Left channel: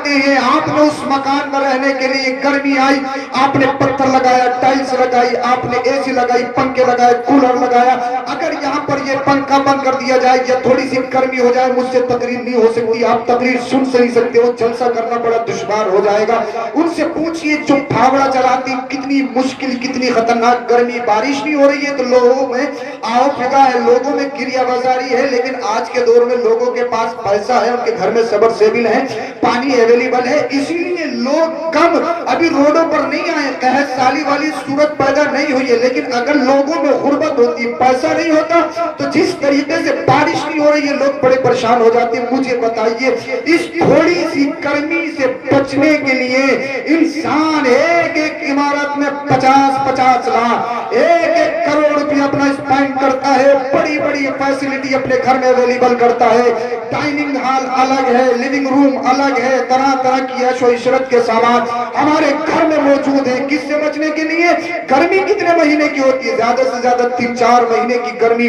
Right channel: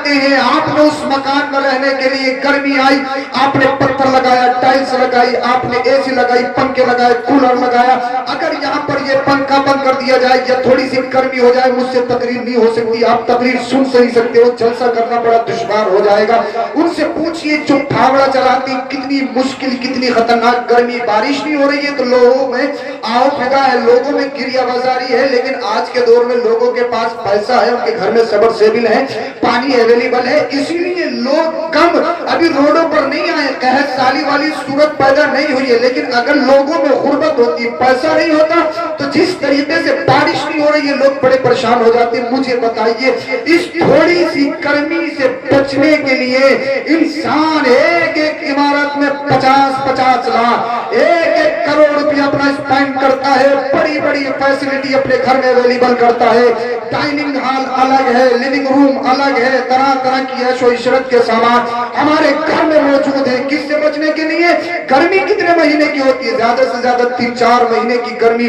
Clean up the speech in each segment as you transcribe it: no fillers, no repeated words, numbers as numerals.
کرتے ہیں آپ نے اس مکان میں رہنے کے لیے گرمی آئی آپ نے پتھر لگایا ٹائلز لگائی آپ نے اے سی لگائی پنکھے لگائے کولر لگایا اگر یہاں پر یہ پنکھا بند کر دیا جائے یا تھوڑی سی گرمی ہو جائے مجھ سے تقریر نہیں ہو سکتی آپ تقریر سن نہیں سکتے ہو جلسہ کرنا بڑا دشوار ہو جائے گا ان سے پوچھئے جو پھاوڑا چلاتی کتنی مشکل کتنی خطرناک گرمی بارش نہیں ہو رہی ہے تو لوگوں میں آؤ فدا ہے لوگوں میں گریہ بازاری ہے لیکن آج کے دور میں لوگوں کے پاس پیسہ ہے ان کے گھر میں صبر سیبل ہے پانی اویلیبل ہے اسی لیے لوگ کم ابھی روڈوں پر نہیں آئے قحط سالی والی صورت پیدا نہیں ہوئی ہے لیکن اگر لوگوں میں غربت ہوتی پیسہ نہیں ہوتا تو جس طریقے سے بارش نہیں ہو رہی ہے لوگ بڑے پریشان ہو جاتے ہیں مجھے بتائیے اس تھوڑی سی گرمی سے بچنے کے لیے انسان ایک ایک عمارت میں 50 لاکھ ایک کروڑ روپیہ اپنا اسپینڈ کرتا ہے بڑی بڑی فیسلٹی اپنے گھر میں اویلیبل کرتا ہے ڈائننگ ہال الگ ہے لیونگ روم الگ ہے طرح طرح کی عیش و عشرت کے سامان ہمارے گھر میں موجود ہیں کس سے بچنے کے لیے گرمی کتنے مہینے کی ہوتی ہے زیادہ سے زیادہ 3-4 مہینے کی گرمی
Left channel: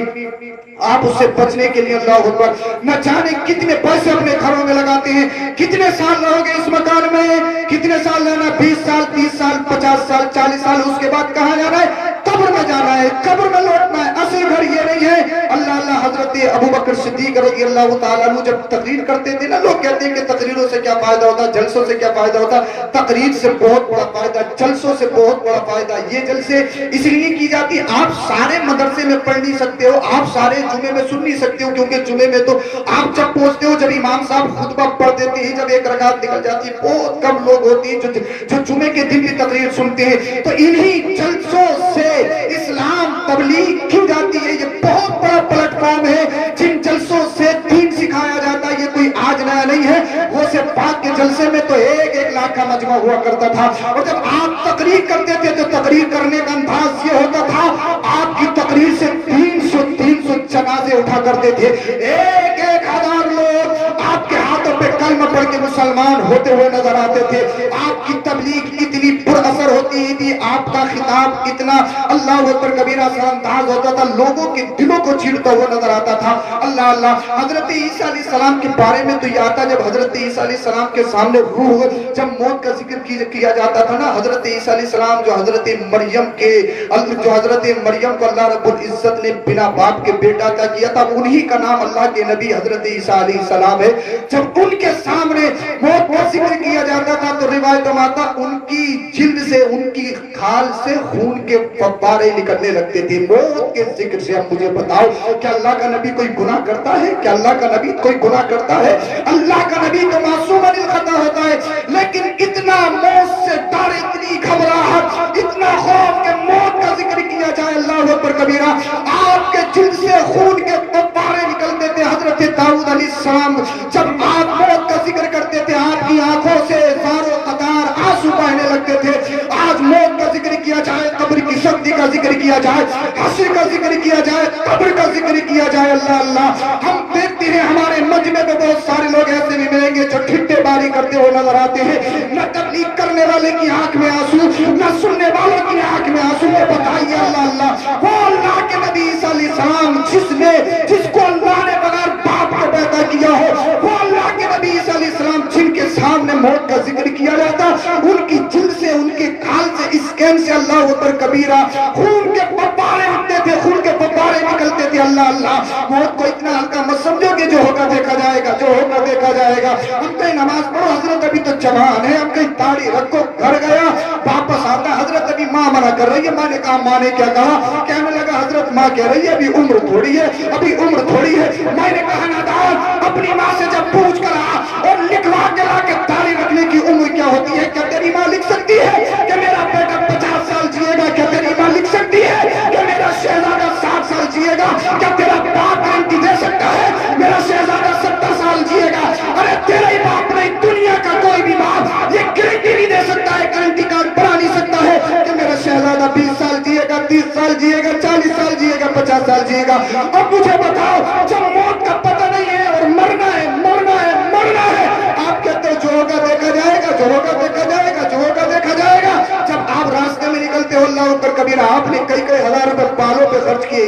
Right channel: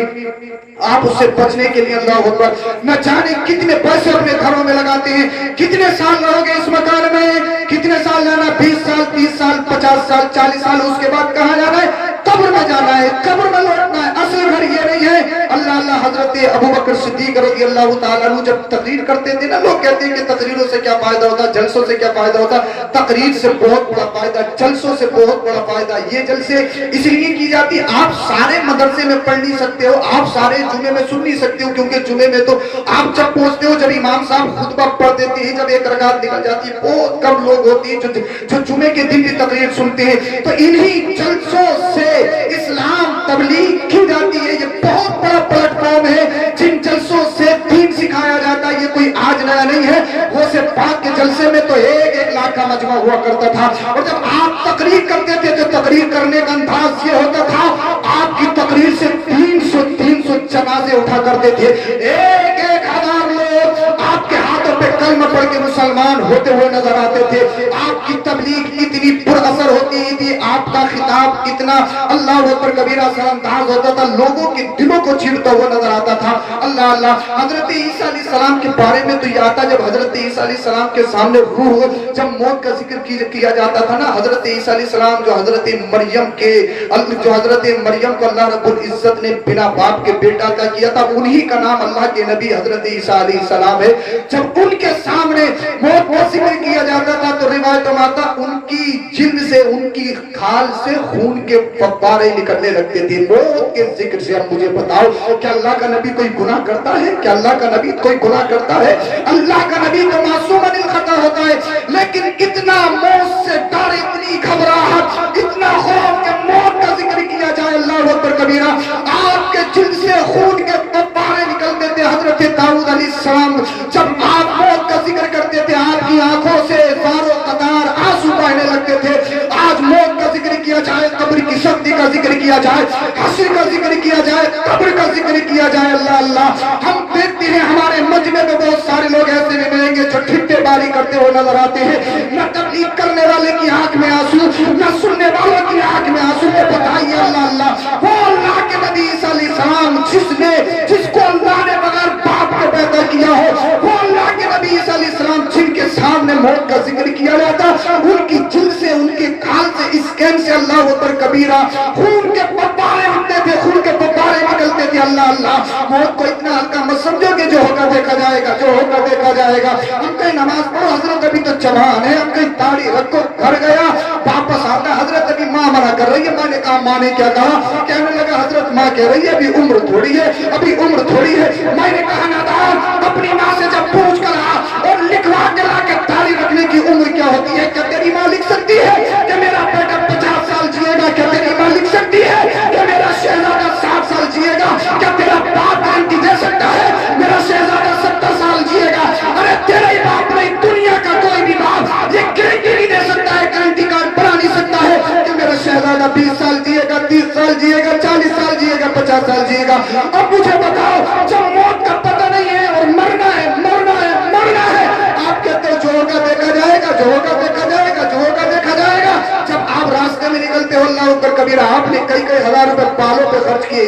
آپ اس سے بچنے کے لیے اللہ اکبر نہ جانے کتنے پیسے اپنے گھروں میں لگاتے ہیں کتنے سال رہو گے اس مکان میں کتنے سال رہنا 20 سال 30 سال 50 سال 40 سال اس کے بعد کہاں جانا ہے قبر میں جانا ہے قبر میں لوٹنا ہے اصل گھر یہ نہیں ہے اللہ حضرت ابوبکر صدیق رضی اللہ تعالیٰ عنہ جب تقریر کرتے تھے نا لوگ کہتے ہیں کہ تقریروں سے کیا فائدہ ہوتا جلسوں سے کیا فائدہ ہوتا تقریر سے بہت بڑا فائدہ جلسوں سے بہت بڑا فائدہ یہ جلسے اس لیے کی جاتی آپ سارے مدرسے میں پڑھ نہیں سکتے ہو آپ سارے جمعے میں سن نہیں سکتے ہو کیونکہ جمعے میں تو آپ جب پہنچتے ہو جب امام صاحب خطبہ پڑھ دیتے ہیں جب ایک رکعت نکل جاتی ہے بہت کم لوگ ہوتے ہیں جو جمعے کے دن بھی تقریر سنتے ہیں تو انہی جلسوں سے اسلام تبلیغ کی جاتی ہے یہ بہت بڑا پلیٹ فارم ہے جن جلسوں سے دین سکھایا جاتا ہے یہ کوئی آج نیا نہیں ہے وہ سے پاک کے جلسے میں تو 1 لاکھ کا مجمع ہوا کرتا تھا اور جب آپ تقریر کرتے تھے تو تقریر کرنے کا انداز یہ ہوتا تھا آپ کی تقریر سے 300 جنازے اٹھا کرتے تھے 1,000 لوگ آپ کے ہاتھوں پہ کلمہ پڑھ کے مسلمان ہوتے ہوئے نظر آتے تھے آپ کی تبلیغ اتنی پر اثر ہوتی تھی آپ کا خطاب اتنا اللہ اکبر کبیرہ سے انداز ہوتا تھا لوگوں کے دلوں کو چیرتا ہوا نظر آتا تھا اللہ حضرت عیسیٰ علیہ السلام کے بارے میں تو یہ آتا جب حضرت عیسیٰ علیہ السلام کے سامنے روح جب موت کا ذکر کیا جاتا تھا نا حضرت عیسیٰ علیہ السلام جو حضرت مریم کو اللہ رب العزت نے بنا باپ کے بیٹا عطا کیا تھا انہی کا نام اللہ کے نبی حضرت عیسیٰ علیہ السلام ہے جب ان کے سامنے موت کا ذکر کیا جاتا تھا تو روایت میں آتا ان کی جلد سے ان کی کھال سے خون کے فوارے نکلنے لگتے تھے موت کے ذکر سے اب مجھے بتاؤ کیا اللہ کا نبی کوئی گناہ کرتا ہے کیا اللہ کا نبی کوئی گناہ کرتا ہے اللہ کا نبی تو معصوم عن الخطا ہوتا ہے لیکن اتنا موت سے ڈر اتنی گھبراہٹ اتنا خوف کہ موت کا ذکر کیا جائے اللہ اکبر کبیرہ آپ کے جلد سے خون کے فوارے نکلتے تھے حضرت داؤد علیہ السلام جب آپ موت کا ذکر کرتے تھے آپ کی آنکھوں سے زار و قطار آنسو بہنے لگتے تھے آج موت کا ذکر کیا جائے قبر کی سختی کا ذکر کیا جائے حشر کا ذکر کیا جائے قبر کا ذکر کیا جائے اللہ ہم دیکھتے ہیں ہمارے مجمع میں بہت سارے لوگ ایسے بھی ملیں گے جو ٹھٹے باری کرتے ہوئے نظر آتے ہیں نہ تبلیغ کرنے والے کی آنکھ میں آنسو نہ سننے والوں کی آنکھ میں آنسو بتائیے اللہ وہ اللہ کے نبی عیسیٰ علیہ السلام جس کو اللہ نے بغیر باپ کے پیدا کیا ہو وہ اللہ کے نبی عیسیٰ علیہ السلام جن کے سامنے موت کا ذکر کیا جاتا ان کی جلد سے ان کے کھال سے اسکین سے اللہ اکبر کبیرہ خون کے فوارے اٹھتے تھے خون کے فوارے نکلتے تھے اللہ موت کو اتنا ہلکا مت سمجھو کہ جو ہوگا دیکھا جائے گا جو ہوگا دیکھا جائے گا ہم کہیں نماز پڑھو حضرت ابھی تو جوان ہے ہم کہیں داڑھی رکھو گھر گیا واپس آتا حضرت ابھی ماں منع کر رہی ہے میں نے کہا ماں نے کیا کہا کہنے لگا حضرت ماں کہہ رہی ہے ابھی عمر تھوڑی ہے ابھی عمر تھوڑی ہے میں نے کہا نادان اپنی ماں سے جب پوچھ کر آ اور لکھوا کے لا کے داڑھی رکھنے کی عمر کیا ہوتی ہے کیا تیری ماں لکھ سکتی ہے کہ میرا بیٹا 50 سال جیے گا کیا تیری ماں لکھ سکتی ہے کہ میرا شہزادہ 60 سال جیے گا کیا تیرا باپ گارنٹی دے سکتا ہے میرا شہزادہ 70 سال جیے گا ارے تیرے ہی باپ نہیں دنیا کا کوئی بھی باپ یہ گارنٹی نہیں دے سکتا ہے گارنٹی کارڈ بنا نہیں سکتا ہے کہ میرا شہزادہ 20 سال جیے گا 30 سال جیے گا 40 سال جیے گا 50 سال جیے گا اب مجھے بتاؤ جب موت کا پتہ نہیں ہے اور مرنا ہے آپ کہتے ہیں جو ہوگا دیکھا جائے گا جو ہوگا دیکھا جائے گا جو ہوگا دیکھا جائے گا جب آپ راستے میں نکلتے ہو اللہ اکبر کبھی कबीरा आपने कई कई हजार रुपए बालों पे खर्च किए,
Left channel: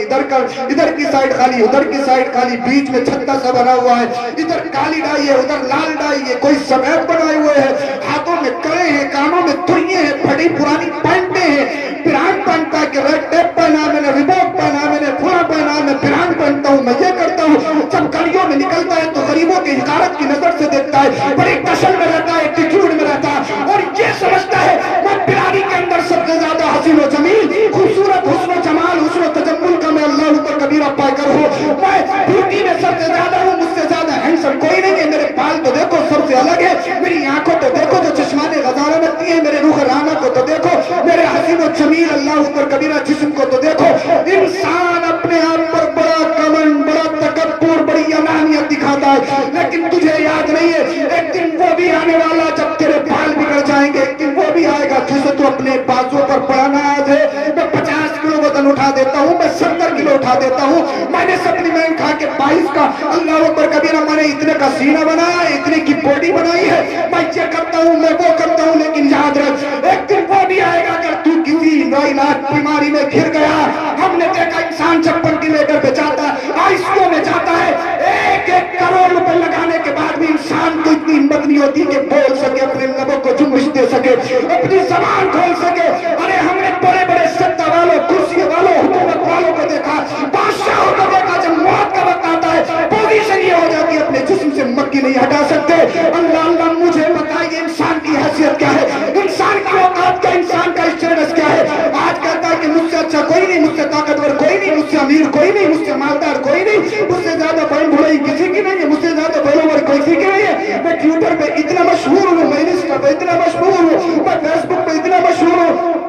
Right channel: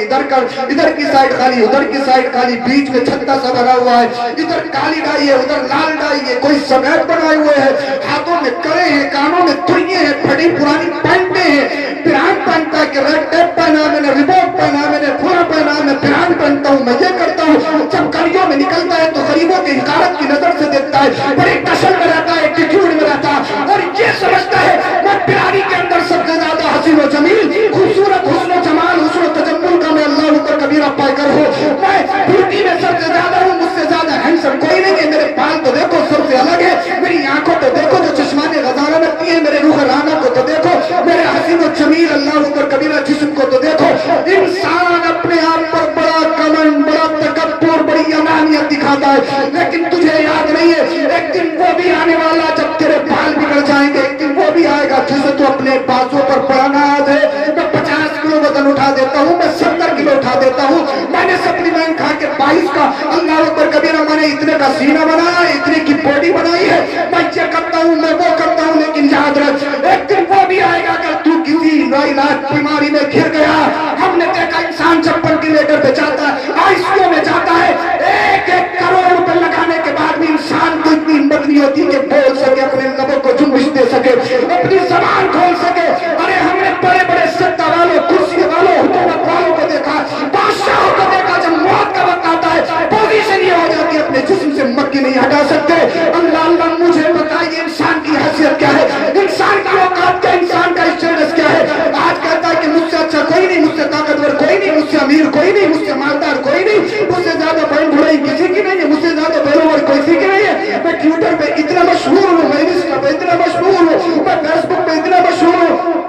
इधर की साइड खाली, उधर की साइड खाली, बीच में छत्ता सा बना हुआ है, इधर काली डाई है, उधर लाल डाई है, कोई सफेद बनाए हुए है, हाथों में कड़े हैं, कानों में तुरिये हैं, फटी पुरानी पैंटे हैं, पिरान पहनता है कि रेड टेप पहना मैंने, रिबॉक पहना मैंने, फुला पहना मैं, पिरान पहनता हूँ, मैं ये करता हूँ। जब गलियों में निकलता है तो गरीबों की हिकारत की नजर से देखता है, बड़े टसल में रहता है, एटीट्यूड में रहता है और ये समझता है मैं पिरानी के अंदर सबसे ज्यादा हसीन व जमील, खूबसूरत, हुस्न जमाल, हुस्न तजम्मुल का मैं अल्लाह ऊपर कबीरा पाकर हूँ, मैं ब्यूटी में सबसे ज्यादा हूँ, मुझसे ज्यादा हैंडसम कोई नहीं है, मेरे बाल तो देखो सबसे अलग है, मेरी आंखों को देखो जो चश्माने गजारा लगती है, मेरे रूह राना को तो देखो, मेरे हसीन व जमील अल्लाह ऊपर कबीरा जिस्म को तो देखो। इंसान अपने आप पर बड़ा कमन, बड़ा तकब्बुर, बड़ी अनानियत दिखाता है, लेकिन तुझे याद नहीं है एक दिन वो भी आने वाला जब तेरे बाल बिगड़ जाएंगे, एक दिन वो भी आएगा जिसे तू अपने बाजों पर बड़ा नाज है। मैं 50 किलो वजन उठा देता हूँ, मैं 70 किलो उठा देता हूँ, मैंने सप्लीमेंट खा के 22 का अल्लाह अकबर कबीरा, मैंने इतने का सीना बनाया, इतने की बॉडी बनाई है, मैं ये करता हूँ, मैं वो करता हूँ, लेकिन याद रख एक दिन वो भी आएगा अगर तू किसी लाइलाज बीमारी में घिर गया। हमने देखा इंसान चप्पल की लेकर बेचाता है, आईसीयू में जाता है, 1-1 करोड़ रुपए लगाने के बाद भी इंसान को इतनी हिम्मत नहीं होती कि बोल सके, अपने लबों को जुम्बिश दे सके, अपनी जबान खोल सके। अरे हमने बड़े बड़े सत्ता वालों, कुर्सी वालों, हुकूमत वालों को देखा, बादशाहों को देखा, जब मौत का वक्त आता है पोजीशन ये हो जाती है अपने जिस्म से मक्की नहीं हटा सकते। अल्लाह अल्लाह मुझे बताइए इंसान की हैसियत क्या है, इंसान की औकात क्या, इंसान का स्टेटस क्या है। आज कहता है कि मुझसे अच्छा कोई नहीं, मुझसे ताकतवर कोई नहीं, मुझसे अमीर कोई नहीं, मुझसे मालदार कोई नहीं, मुझसे ज्यादा बड़ी बुराई किसी की नहीं है, मुझसे ज्यादा फॉलोवर किसी की नहीं है। मैं ट्विटर पे इतना मशहूर हूँ, मैं इंस्टा पे इतना मशहूर हूँ, मैं फेसबुक पे इतना मशहूर हूँ।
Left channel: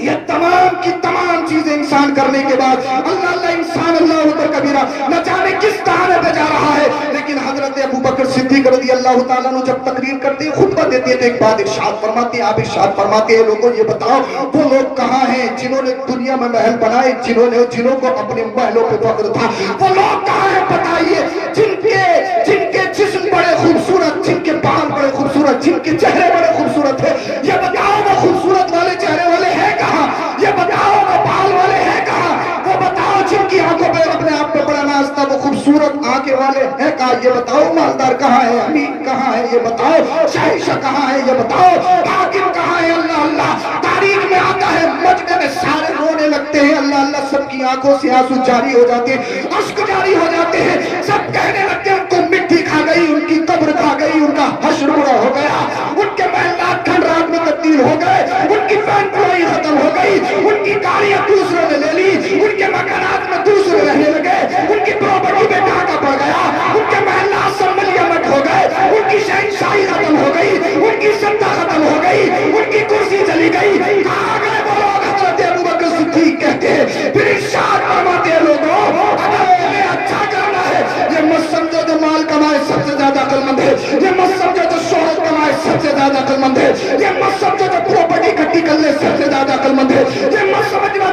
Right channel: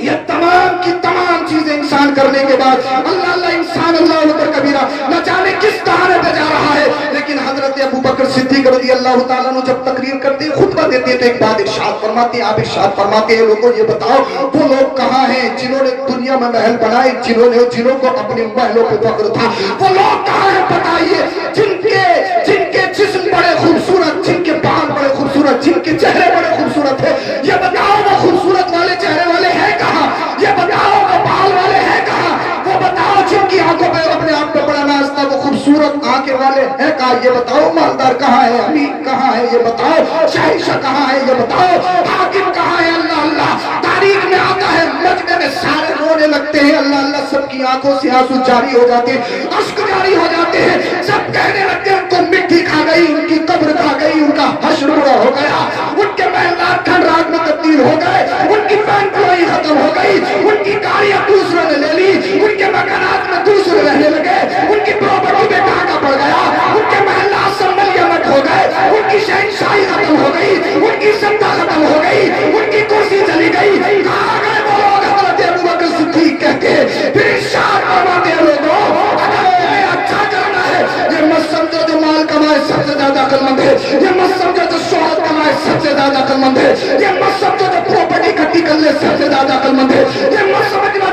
ये तमाम की तमाम चीजें इंसान करने के बाद अल्लाह अल्लाह इंसान अल्लाह ऊपर कबीरा न जाने किस ताने पे जा रहा है। लेकिन हजरत अबू बकर सिद्दीक रज़ी अल्लाह ताला अन्हु जब तकरीर करते हैं, खुतबा देते हैं, तो एक बात इरशाद फरमाते हैं, आप इरशाद फरमाते हैं, लोगों ये बताओ वो लोग कहाँ हैं जिन्होंने दुनिया में महल बनाए, जिन्हों को अपने महलों पे फख्र था, वो लोग कहाँ हैं बताइए, जिनके जिस्म बड़े खूबसूरत, जिनके बाल बड़े खूबसूरत, जिनके चेहरे बड़े खूबसूरत है। ये बताओ वो खूबसूरत वाले चेहरे वाले हैं कहाँ, ये बताओ वो बाल वाले हैं कहाँ, वो बताओ जिनकी आंखों पे अपने आप पे बड़ा नाज था, वो खूबसूरत आंखें वाले हैं कहाँ, ये बताओ मालदार कहाँ है, अमीर कहाँ है, ये बताओ शाहिशाह कहाँ है, ये बताओ हाकिम कहाँ है। अल्लाह अल्लाह तारीख में आता है, मजमे में सारे रोने लगते हैं, अल्लाह अल्लाह सबकी आंखों से आंसू जारी हो जाते हैं, अश्क जारी हो जाते हैं, सब कहने लगते हैं उनको मिट्टी खा गई, उनकी कब्र खा गई, उनका हश्र पूरा हो गया, उनके महलात ठंड रात में तब्दील हो गए, उनकी फैन फ्लोई खत्म हो गई, उनकी गाड़ियां दूसरे ने ले ली, उनके मकानात में दूसरे रहने लगे, उनकी प्रॉपर्टी में डाका पड़ गया, उनके महलात सब मलियामत हो गए, उनकी शहनशाही खत्म हो गई, उनकी सत्ता खत्म हो गई, उनकी कुर्सी चली गई। कहाँ गए वो लोग? हज़रत अबू बकर सिद्दीक कहते हैं, फिर इरशाद फरमाते हैं, लोगों अगर तुम्हें अच्छा करना है, ये मत समझो जो माल कमाए सबसे ज्यादा अक्लमंद है, ये मत समझो जो शोहरत कमाए सबसे ज्यादा अक्लमंद है, ये मत समझो जो प्रॉपर्टी इकट्ठी कर ले सबसे ज्यादा अक्लमंद है, ये मत समझना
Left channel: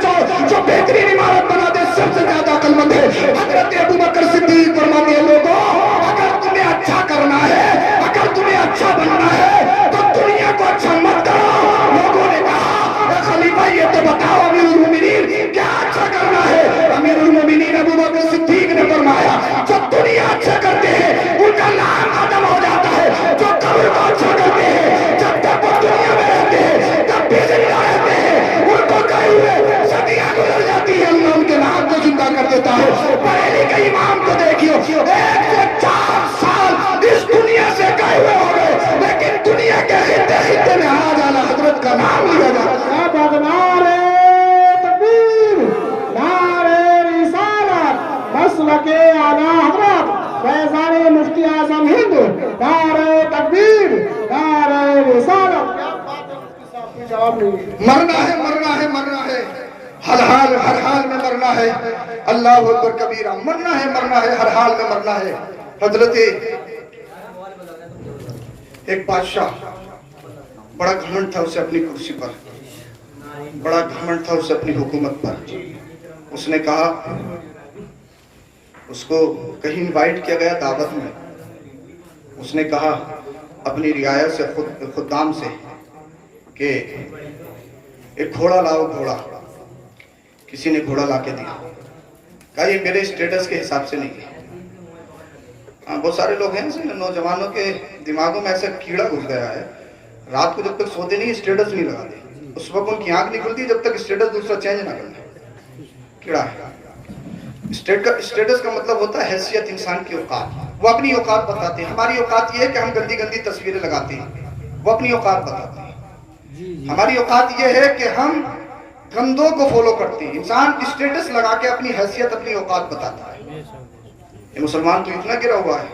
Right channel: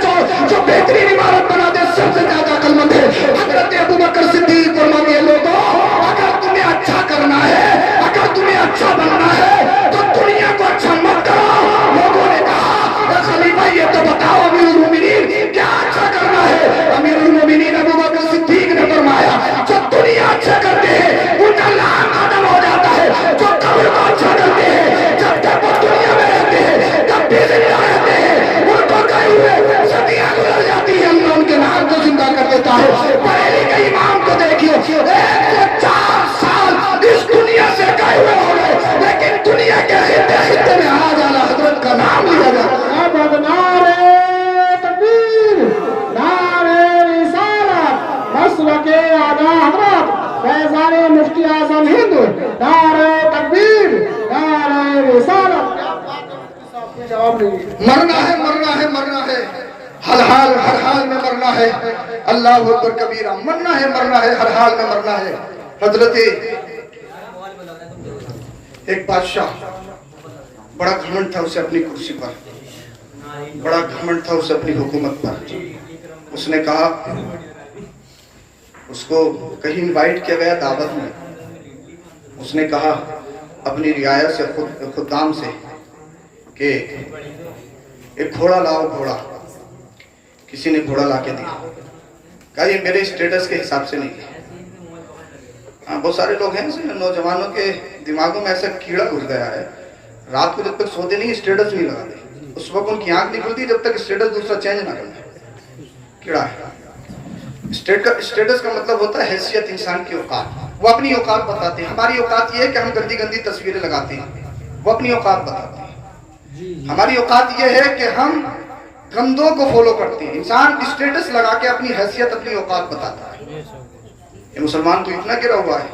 जो बेहतरीन इमारत बना दे सबसे ज्यादा अक्लमंद है। हज़रत अबू बकर सिद्दीक फरमाते हैं, लोगों अगर तुम्हें अच्छा करना है, अगर तुम्हें अच्छा बनना है तो दुनिया को अच्छा मत करो। लोगों ने कहा खलीफा ये तो बताओ अमीरुल मोमिनीन क्या अच्छा करना है। अमीरुल मोमिनीन अबू बकर सिद्दीक ने फरमाया, जो दुनिया अच्छा करते हैं उनका नाम खत्म हो जाता है, जो कब्र को अच्छा करते हैं जब तक वो दुनिया में रहते हैं तब भी जिंदा रहते हैं, उनको गए हुए सदियां गुजर जाती है, अल्लाह उनके नाम को जिंदा कर देता है। पहले के इमाम को देखियो 104 साल इस दुनिया से गए हुए हो गए, लेकिन दुनिया के खित्ते खित्ते में आ जाना हजरत का नाम लिया जाता। मसलके आला हज़रत फैज़ान मुफ्ती आज़म हिंद, नारे तकबीर, नारे रिसालत। जवाब नहीं, मरना है, मरना है, मरना है, हर हाल में मरना है, अल्लाह अकबर कबीरा, मरना है, मरना है, हर हाल में मरना है। हजरत एक बादशाह, बड़ा घमंड था उसे अपनी कुर्सी पर, बड़ा घमंड था उसे अपनी हुकूमत पर। उसने कहा, उसको कहीं इनवाइट किया गया दावत में, उसने कहा अपनी रियाया से खुदाम से कि एक घोड़ा लाओ, घोड़ा किसी ने घोड़ा ला के दिया, कहा ये मेरे स्टेटस के हिसाब से नहीं है। हाँ, बहुत सारे लोग हैं नौजवानों के दिमागों में ऐसा कीड़ा घुस गया है, रात को जब तक सोते नहीं स्टेटस नहीं लगाते, उस वक्त उनकी आंख नहीं खुलती जब तक स्टेटस दूसरा चेंज ना करे। कीड़ा है। स्टेटस का मतलब होता है हैसियत, इंसान की औकात। वो अपनी औकात बताते हैं। हमारी औकात ये है कि हम गंदी गंदी तस्वीरें लगाते हैं, वो अपनी औकात बताते हैं। हमारी औकात ये है कि हम गंदों को फॉलो करते हैं। इंसान स्टेटस लगा के अपनी हैसियत, अपनी औकात बताता है। ये मुसलमान तो इतना गिरा हुआ है,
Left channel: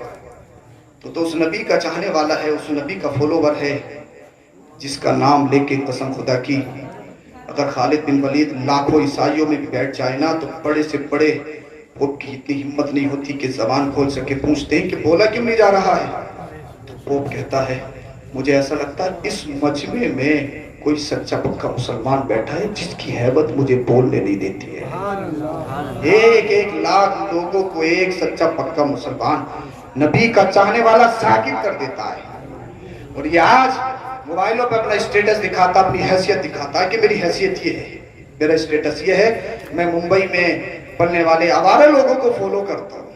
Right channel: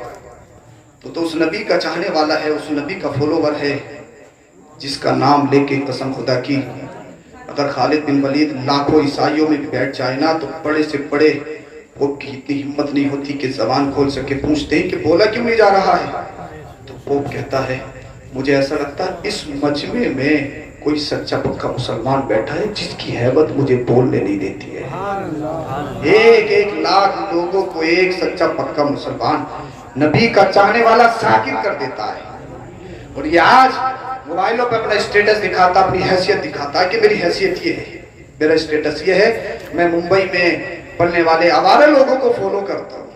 तो उस नबी का चाहने वाला है, उस नबी का फॉलोवर है जिसका नाम लेके कसम खुदा की अगर खालिद बिन वलीद लाखों ईसाइयों में भी बैठ जाए ना तो बड़े से बड़े वो की इतनी हिम्मत नहीं होती कि जबान खोल सके। पूछते हैं कि बोला क्यों नहीं जा रहा है, तो वो कहता है मुझे ऐसा लगता है इस मजमे में कोई सच्चा पक्का मुसलमान बैठा है जिसकी हैबत मुझे बोलने नहीं देती है। एक लाख लोगों को एक सच्चा पक्का मुसलमान नबी का चाहने वाला साकिब कर देता है। और ये आज मोबाइलों पे अपना स्टेटस दिखाता, अपनी हैसियत दिखाता है कि मेरी हैसियत ये है, मेरा स्टेटस ये है। मैं मुंबई में पलने वाले आवारा लोगों को फॉलो करता हूँ,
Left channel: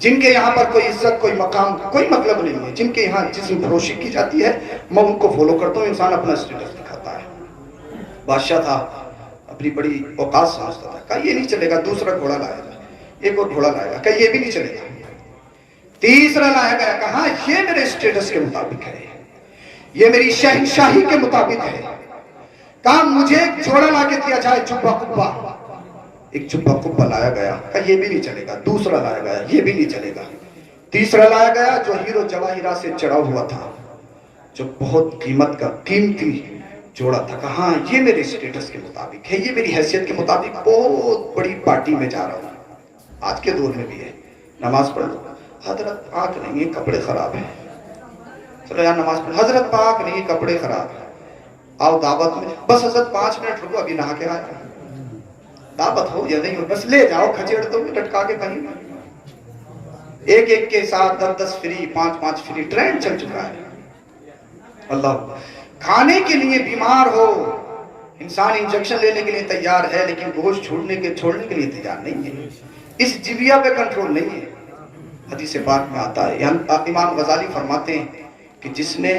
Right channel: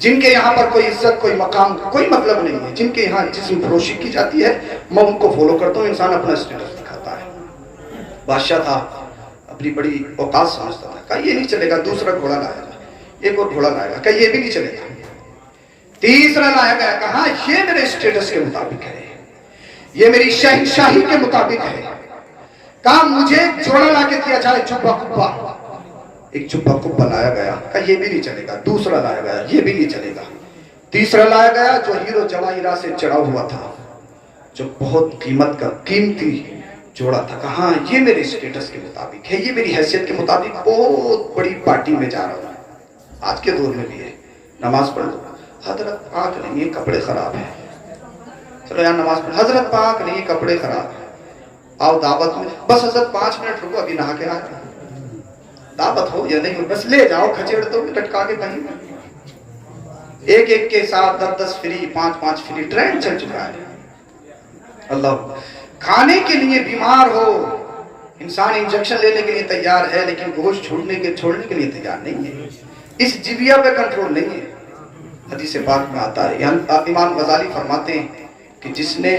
जिनके यहाँ पर कोई इज्जत, कोई मकाम, कोई मतलब नहीं है, जिनके यहाँ जिस्म फरोशी की जाती है, मैं उनको फॉलो करता हूँ। इंसान अपना स्टेटस दिखाता है। बादशाह था, अपनी बड़ी औकात समझता था। कहा ये नहीं चलेगा, दूसरा घोड़ा लाएगा, एक और घोड़ा लाएगा, कहा ये भी नहीं चलेगा, तीसरा लाया गया, कहा ये मेरे स्टेटस के मुताबिक है, ये मेरी शहनशाही के मुताबिक है। कहा मुझे जोड़ा ला के दिया जाए, जुब्बा कुब्बा, एक जुब्बा कुब्बा लाया गया, कहा ये भी नहीं चलेगा, दूसरा लाया गया, ये भी नहीं चलेगा, तीसरा लाया गया जो हीरो जवाहिरा से चढ़ा हुआ था, जो बहुत कीमत का कीमती जोड़ा था। कहा ये मेरे स्टेटस के मुताबिक है, ये मेरी हैसियत के मुताबिक, बहुत बड़ी पार्टी में जा रहा हूँ। आज के दौर में भी है, नमाज पढ़ लो, हजरत पाक नहीं है कपड़े खराब है, चलो यार नमाज पढ़, हजरत पाक नहीं कपड़े खराब है, आओ दावत में, बस हजरत 5 मिनट रुको अभी नहा के आया, दावत हो या नहीं हो बस ले जाओ, खचेड़ दो लटका के कहीं। एक के साथ 10 फ्री, 5 फ्री, ट्रेंड चल चुका है। अल्लाह, खाने के लिए बीमार हो, इंसान इंजेक्शन लेने के लिए तैयार है, लेकिन गोश्त छोड़ने के लिए तैयार नहीं है। इस जिबिया पे कंट्रोल नहीं है। हदीस पाक में आता है, इमाम गजाली फरमाते हैं कि जिसने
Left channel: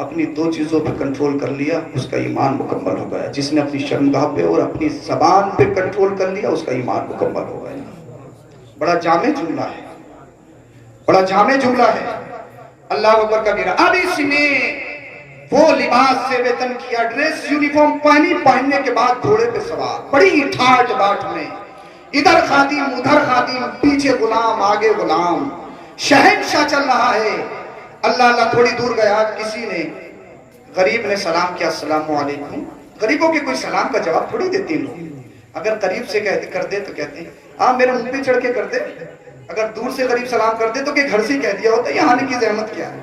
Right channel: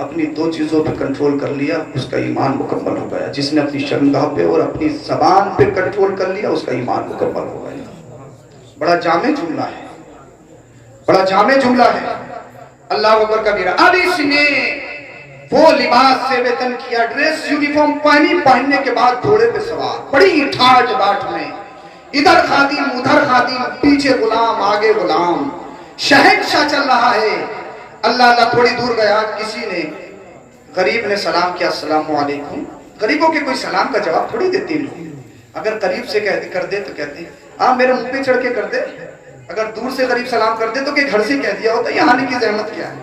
अपनी 2 चीजों पे कंट्रोल कर लिया उसका ईमान मुकम्मल हो गया। जिसने अपनी शर्मगाह पे और अपनी ज़बान पे कंट्रोल कर लिया उसका ईमान मुकम्मल हो गया। बड़ा जामे जुमला है, बड़ा जामे जुमला है। अल्लाह अकबर कबीरा। अब इसने वो लिबास से वेतन किया, ड्रेस यूनिफॉर्म पहनने के बाद घोड़े पे सवार, बड़ी ठाट बाट में, इधर खादिम उधर खादिम, पीछे गुलाम आगे गुलाम, शहंशाह चल रहा है। अल्लाह अल्लाह थोड़ी दूर गया, किसी ने, गरीब ने सलाम किया, अस्सलामु अलैकुम। गरीबों के कोई सलाम का जवाब थोड़ी देते लोग। अगर करीब से कर दे तो कहते हैं हाँ मेरे मुंह पे चढ़ के कर दे। अगर दूर से गरीब सलाम कर दे तो कि घर से कह दिया होता, यहाँ आने की जहमत क्या है,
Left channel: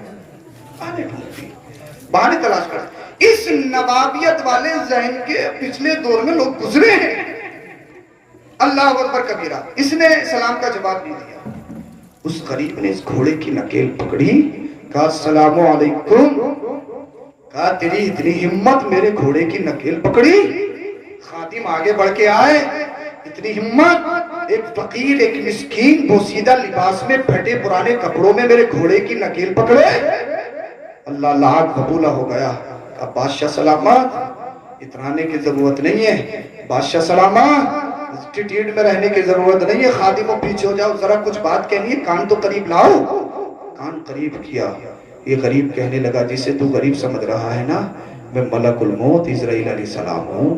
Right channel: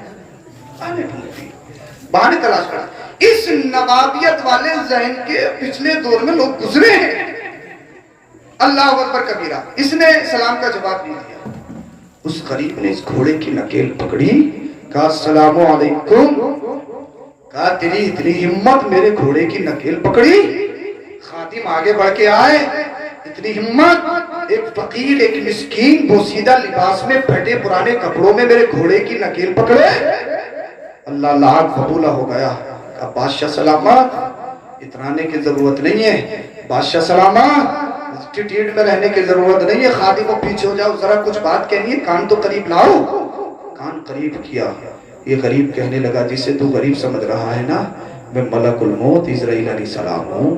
बहाने तलाश कर। इस नवाबियत वाले जहन के पिछले दौर में लोग गुजरे हैं। अल्लाह अकबर कबीरा। इसने सलाम का जवाब नहीं दिया। उस गरीब ने इस घोड़े की नकेल पकड़ी, कहा अस्सलामु अलैकुम। कहा तेरी इतनी हिम्मत, मेरे घोड़े की नकेल पकड़ी। खादिम आगे बढ़ के आए, इतनी हिम्मत, एक फकीर एक मिस्कीन बोसीदा लिबास में फटे पुराने कपड़ों में मेरे घोड़े की नकेल पकड़े। अल्लाह लाख कबूला हो गया। कहा बादशाह सलामत, इतराने की जरूरत नहीं है, बादशाह सलामत, एटीट्यूड में रहने की जरूरत नहीं है। खादिम को पीछे हो जाओ, जरा कुछ बात कहनी है, कान तो करीब लाओ। कान करीब किया, ये गरीब कहने लगा जिसे तू गरीब समझ रहा है ना, मैं मलकुल मौत इजराइल अलैहिस्सलाम हूँ,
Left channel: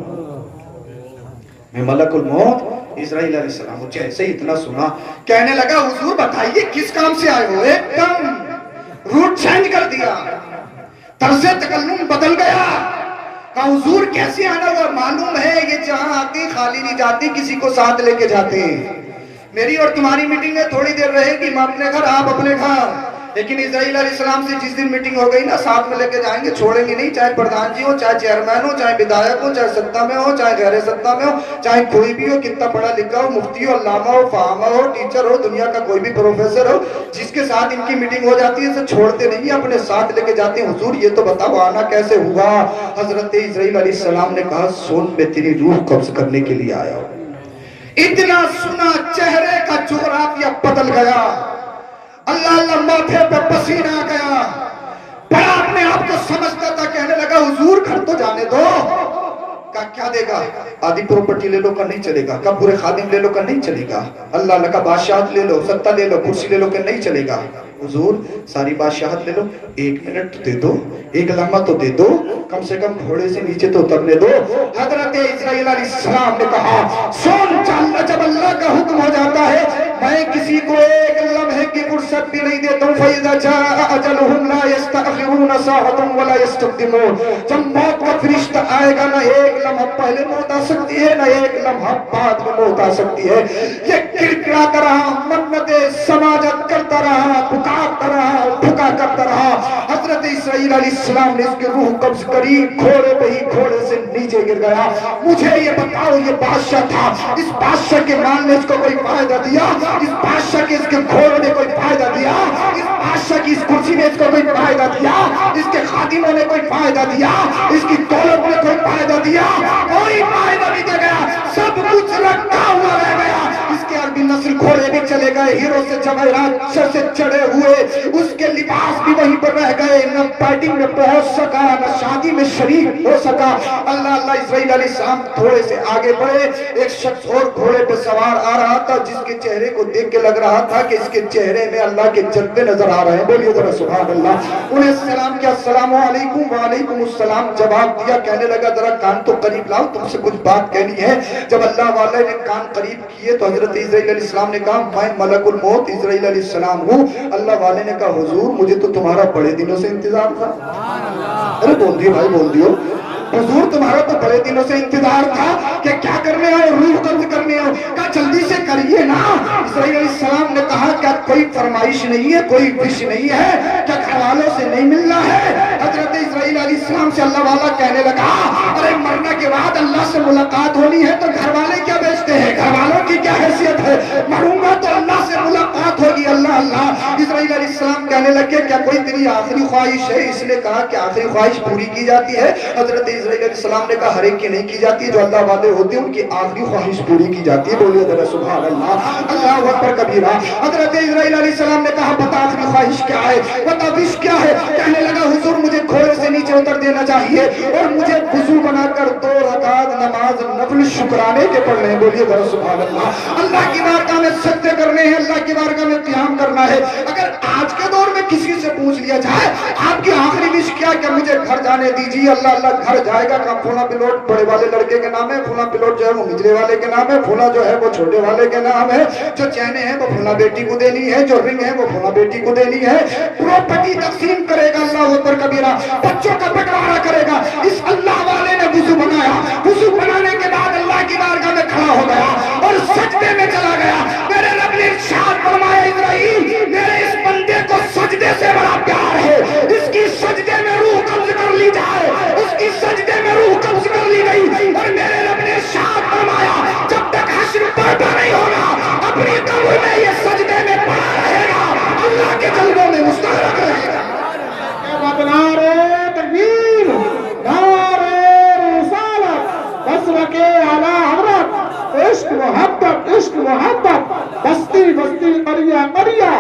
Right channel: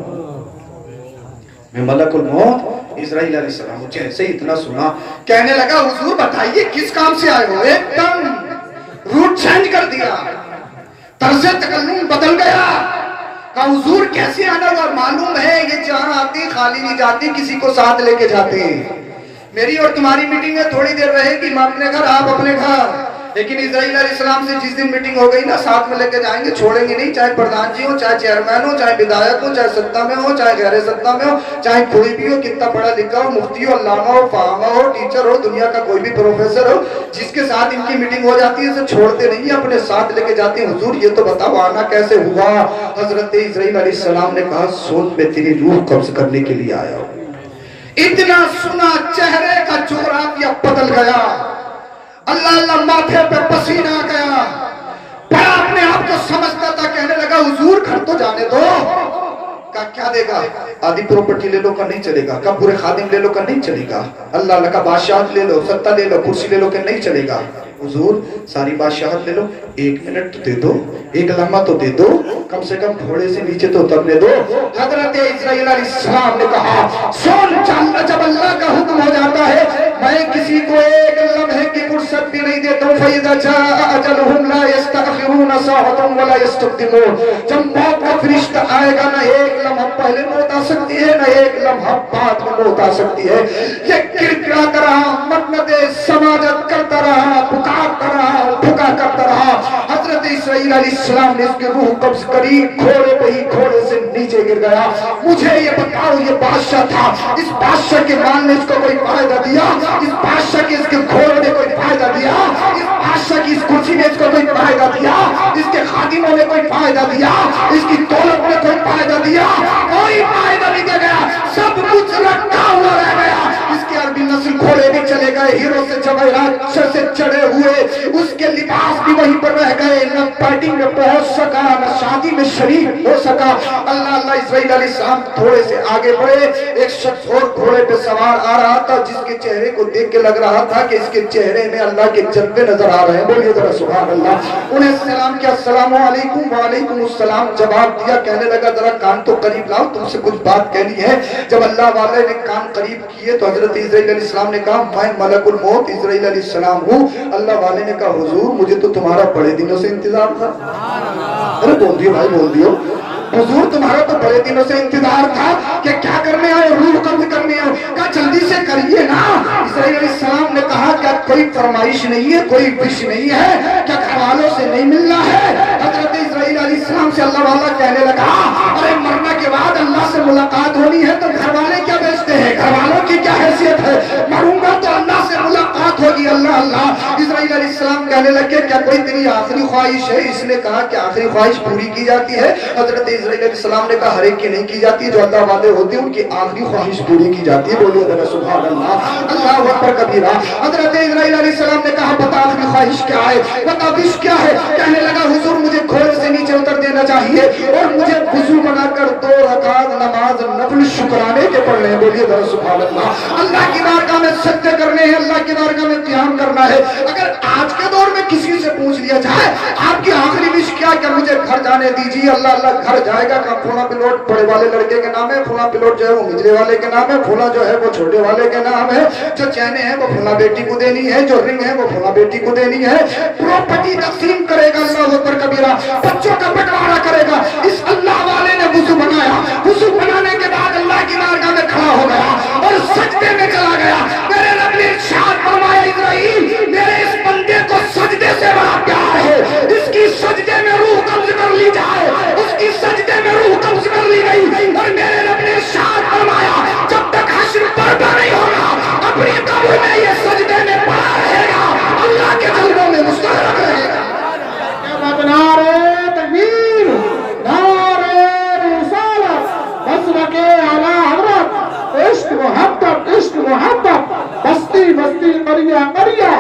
मैं मलकुल मौत इजराइल अलैहिस्सलाम हूँ। जैसे इतना सुना कहने लगा हुजूर बताइए किस काम से आए हो। एकदम रूट चेंज कर दिया, तर्ज़े तकल्लुम बदल गया। कहा हुजूर कैसे आना हुआ, मालूम है ये जहाँ आती खाली नहीं जाती, किसी को साथ लेके जाते हैं। मेरी और तुम्हारी मीटिंग में थोड़ी देर रहेगी, मैं अपने घर आप अपने घर, लेकिन इस्राइल अलैहिस्सलाम से जिस दिन मीटिंग हो गई ना, साथ में लेके जाएंगे, छोड़ेंगे नहीं, चाहे प्रधान जी हो, चाहे चेयरमैन हो, चाहे विधायक हो, चाहे सत्ता में हो, चाहे गैर सत्ता में हो, चाहे कोई भी हो, कितना पढ़ा लिखा हो, मुफ्ती हो, अल्लामा हो, फाहमा हो, टीचर हो, दुनिया का कोई भी प्रोफेसर हो, जिसके साथ इनकी मीटिंग हो जाती है तो छोड़ते नहीं, अपने साथ लेके जाते हैं। हुजूर ये तो बताओ आना कैसे हुआ? हजरत इस्राइल अलैहिस्सलाम ने कहा, सोच में तेरी रूह कब्ज करने के लिए आया हूं। इतना सुना, चेहरे का जोराफिया बदल गया, अल्लाह अल्लाह माथे पे पसीना आ गया, बड़ा अपने आप को समझता था, कहने लगा हुजूर घर तो जाने दो। का क्या देगा? आधी प्रॉपर्टी ले लो का नहीं चलेगा, का पूरे खादिम ले लो का नहीं चलेगा, अल्लाह अल्लाह का बादशाह ले लो, सत्ता ले लो, कुर्सी ले लो का नहीं चलेगा। हुजूर सारी बादशाहत ले लो, 1 मिनट दे दो, 1 लम्हा तो दे दो, कम से कम घोड़े से नीचे तो उतरने दो। हजरत इस्राइल अलैहिस्सलाम ने कहा, सुन, जब अल्लाह का हुक्म हो जाता है, मैं किसी को 1 लम्हे की फुर्सत भी नहीं देता हूं। फइज़ा जाअ अजलुहुम ला यस्तअखिरून साअतन वला यस्तक़दिमून। जब मौत का फरिश्ता आएगा, ना 1 लम्हा पहले मौत आ सकती है, ना 1 लम्हा बाद में मौत आ सकती है। ये किरकिराता रहा, मन्नते समाजत करता रहा, पुकारता रहा, पुकार करता रहा। हजरत इस्राइल अलैहिस्सलाम ने इसकी रूह कब्ज करी, घोड़े पे ही घोड़े से नीचे गिर गया। मुझे ये बताओ, ये बादशाह था, इस बादशाह के माल ने इसको कोई फायदा दिया? इस बादशाह के इसके घोड़ों ने कोई फायदा दिया? इस बादशाह की इस कुर्सी ने इसको कोई फायदा दिया? इसके खादिमों ने कोई फायदा दिया? इसकी दौलत ने कोई फायदा दिया? कोई फायदा नहीं दे गया, सब कुछ रखा हुआ रह गया। इसके अरबी नस्ल घोड़े भी चले गए, हीरो से जवाहरात से चढ़े हुए, उसके लिबास भी वहीं पर रह गए, न पार्टी में पहुंच सका, न शादी में शरीक हो सका। अल्लाह अल्लाह इस्राइल अलैहिस्सलाम थोड़े से आगे बढ़े, एक शख्स और घोड़े पे सवार आ रहा था, जिसके चेहरे को देख के लग रहा था कि इसके चेहरे में अल्लाह के जज्बे नजर आ रहे हैं। बोलिए जरा सुभान अल्लाह। उन्हें सलाम किया, अस्सलामु अलैकुम। वालेकुम अस्सलाम जवाब दिया। कहने लगा, जरा कान तो करीब लाओ, तुमसे कुछ बात कहनी है। जब अल्लाह वाले ने कान करीब किए तो हजरत इस्राइल अलैहिस्सलाम ने कहा, मैं मलकुल मौत इस्राइल अलैहिस्सलाम हूँ। अल्लाह वाले ने कहा, हुजूर मुझे तो तुम्हारा बड़े दिनों से इंतजार था। अरे बोल दियो भाई, बोल दियो। हुजूर तुम्हारा तो बड़े दिनों से इंतजार था कि क्या करने आए, रूह कब्ज करने आए। कहा जल्दी से करिए ना। इस्राइल अलैहिस्सलाम ने कहा, क्या कोई फरमाइश नहीं है, कोई विश नहीं है, क्या घरवालों से नहीं मिलना है? हजरत इस्राइल अलैहिस्सलाम से अल्लाह वाला कहने लगा, अरे मरने के बाद अल्लाह से मुलाकात होनी है तो घरवाले क्या बेचते हैं, घरवालों की क्या हैसियत है? मरूंगा तो अल्लाह से मुलाकात होगी। अल्लाह अल्लाह। इस्राइल अलैहिस्सलाम कहने लगे, क्या कोई तेरी आखिरी ख्वाहिश है? इसने कहा कि आखिरी ख्वाहिश पूरी की जाती है। हजरत इस्राइल अलैहिस्सलाम ने कहा, हर एक की नहीं की जाती, जो अल्लाह वाले होते हैं उनकी आखिरी ख्वाहिश पूरी की जाती है। बोलिए जरा सुभान अल्लाह, अल्लाह अकबर कबीरा। हजरत इस्राइल अलैहिस्सलाम ने कहा, बता आखिरी ख्वाहिश क्या है, बता विश क्या है? कहने लगा, हुजूर मुझे घोड़े से नीचे उतर देना चाहिए और मुझे वुजू बनाकर 2 रकात नमाज नफल शुक्राने के पढ़ने हैं। बोलिए जरा सुभान अल्लाह। अल्लाह की बारगाह में सजदे करने हैं, अल्लाह की बारगाह में क़याम करना है। अगर आज के दौर में किसी से पूछ लिया जाए, आपकी आखिरी विश क्या है? मुझे घर जाने दीजिए। अल्लाह अल्लाह घर जाएगा का फूला पिलोट बड़े वाले लड़के के नाम है, फूला पिलोट जो है वो मिजरे वाले के नाम है, फूला जो है वो छोटे वाले के नाम है, जो चैने हैं वो फूला बेटी को देनी है, जो रिंग है वो फूला बेटी को देनी है। प्रॉपर्टी तकसीम करेगा अल्लाह ऊपर कबीरा, बच्चों का बंटवारा करेगा। इस अल्लाह वाले ने वुजू बनाया, वुजू बनाने के बाद अल्लाह की बारगाह में खड़ा हो गया और सजदे में चला गया। मेरे रब ने इरशाद फरमाया, इब्राहिम मेरे इस बंदे को सजदे से बड़ा प्यार है, इसकी सजदे में रूह कब्ज कर ली जाए। उसकी सजदे में रूह कब्ज कर ली गई और मेरे रब ने इरशाद फरमाया, जब तक हश्र बर्पा नहीं होगा अपनी कब्र में ये सजदे में पड़ा रहेगा, अल्लाह के जलवों में मुस्कुराता रहेगा। नारे तकबीर, नारे रिसालत, बसरा के आला हज़रत, इश्क मोहब्बत, इश्क मोहब्बत, बस्ती बस्ती करिया करिया,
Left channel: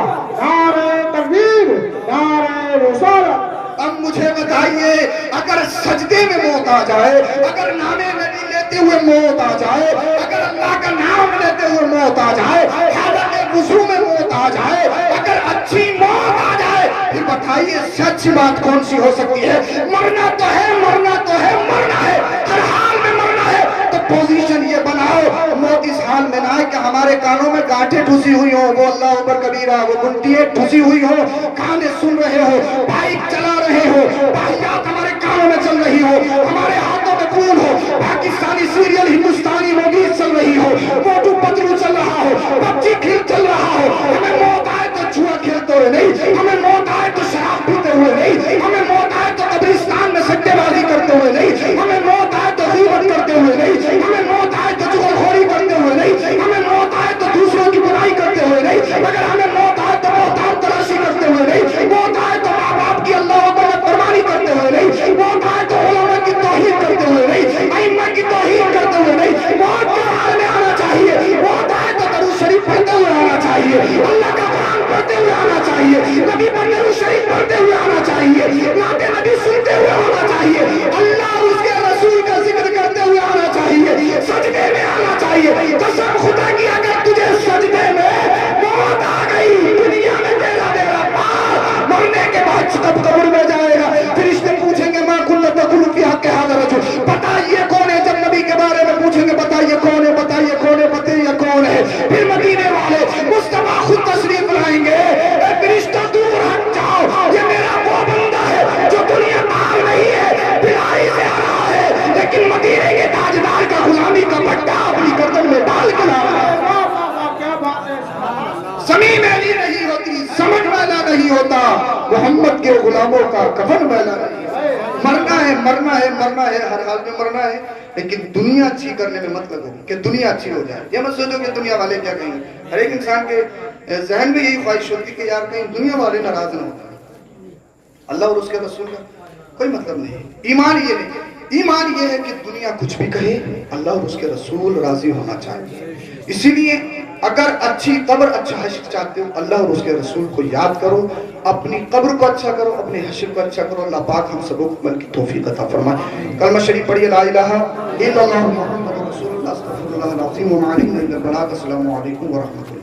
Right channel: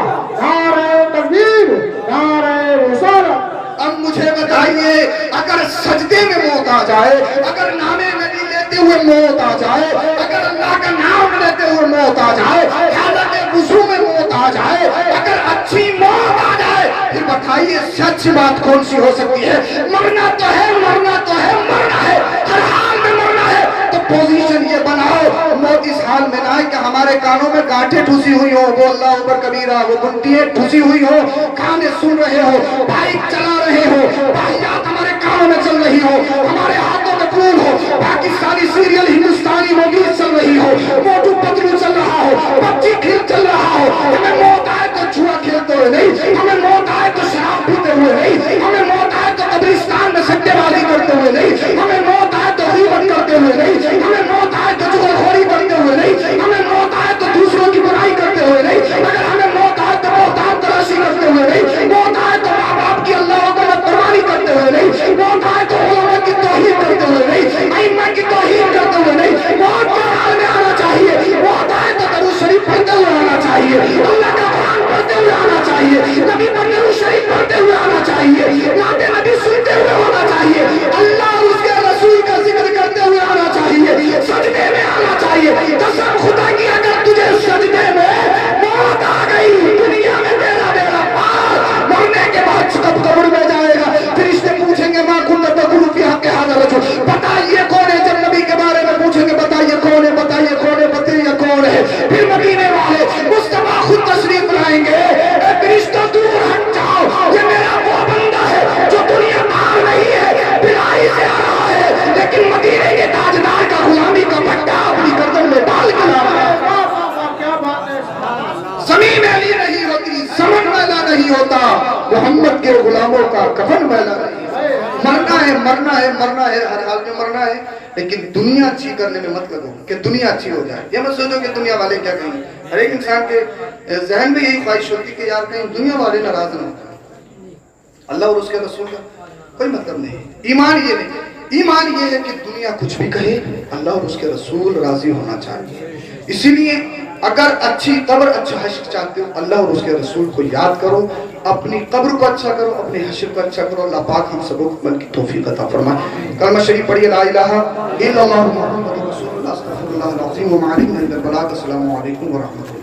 नारे तकबीर, नारे रिसालत। अब मुझे बताइए, अगर सजदे में मौत आ जाए, अगर नामे नबी लेते हुए मौत आ जाए, अगर अल्लाह का नाम लेते हुए मौत आ जाए, हालत वुज़ू में मौत आ जाए, अगर अच्छी मौत आ जाए, फिर बताइए सच्ची बात कौन सी हो सकती है? मरना तो है, मरना तो है, मरना है, हर हाल में मरना है। तो पोजीशन ये बनाओ, मौत इस हाल में ना है कि हमारे कानों में गांठें ठुसी हुई हो, वो अल्लाह अकबर कबीरा, वो घंटियां ठुसी हुई हो, गाने सुन रहे हो, बाइक चला रहे हो, बाइयात हमारे कानों में चल रही हो, हमारे हाथों में खून हो, पाकिस्तानी सीरियल हिंदुस्तानी मूवीज चल रही हो, मोटू पतलू चल रहा हो, बच्ची खेल चल रहा हो, हमें मौत आए तो छुआ खेलते हो नहीं, हमें मौत چاہیے, اللہ کا قرآن پڑھتے ہوئے آنا چاہیے, نبی پر درود شریف پڑھتے ہوئے آنا چاہیے, نعت نبی سنتے ہوئے ہونا چاہیے, اللہ اور اس کے رسول کا ذکر کرتے ہوئے آنا چاہیے, سجدے میں آنا چاہیے. قسم خدا کی اگر تجھے سجدے میں موت آ گئی, دنیا میں تیرا بیڑا پار, مرنے کے بعد کب قبر میں جائے گا, فرشتے پوچھیں گے ماں کنت تقول فی حق ھذا الرجل, بتائیے کون ہے. جب نبی کے بارے میں پوچھیں گے بتائیے کون ہے, بتائیے کون ہے, بتائیے کون ہے, پھر مدینے والے مصطفیٰ خود تشریف لائیں گے, اے فرشتوں دور ہٹ جاؤ, یہ میرا وہ بندہ ہے جو دنیا پار نہیں ہے, بلائی سے آ رہا ہے, لیکن مدینے کے تاجدار کا غلامی کا پٹا اپنی گردن میں ڈال کے لا رہا ہے. کیا بات ہے. زمین میلی نہیں ہوتی, سمن میلا نہیں ہوتا, محمد کے غلاموں کا کفن میلا نہیں. مرنا ہے, مرنا ہے, مرنا ہے, ہر حال میں مرنا ہے, لیکن دنیا اچھی کرنے میں مت لگو کہ دنیا اچھی ہو جائے. یہ مت سوچو کہ دنیا والے کیا کہیں. ہر ایک انسان کے ذہن میں یہی خواہش ہوتی کہ یار کہیں دنیا والے ناراض نہ ہوتے. اللہ اور اس کے رسول کا کوئی مطلب نہیں. ایمان یہ نہیں, ایمان یہ ہے کہ دنیا کچھ بھی کہے, اللہ اور اس کے رسول راضی ہونا چاہیے. اسی لیے اگر اچھی قبر, اچھا حشر چاہتے ہو, اللہ اور اس کے رسول کو یاد کرو, اپنی قبر کو اچھا کرو, اپنے حشر کو اچھا کرو. اللہ پاک ہم سب کو عمل کی توفیق عطا فرمائے. کلمہ شریف پڑھیے, لا الہ الا اللہ محمد رسول اللہ صلی اللہ علیہ وسلم. السلام علیکم ورحمۃ اللہ.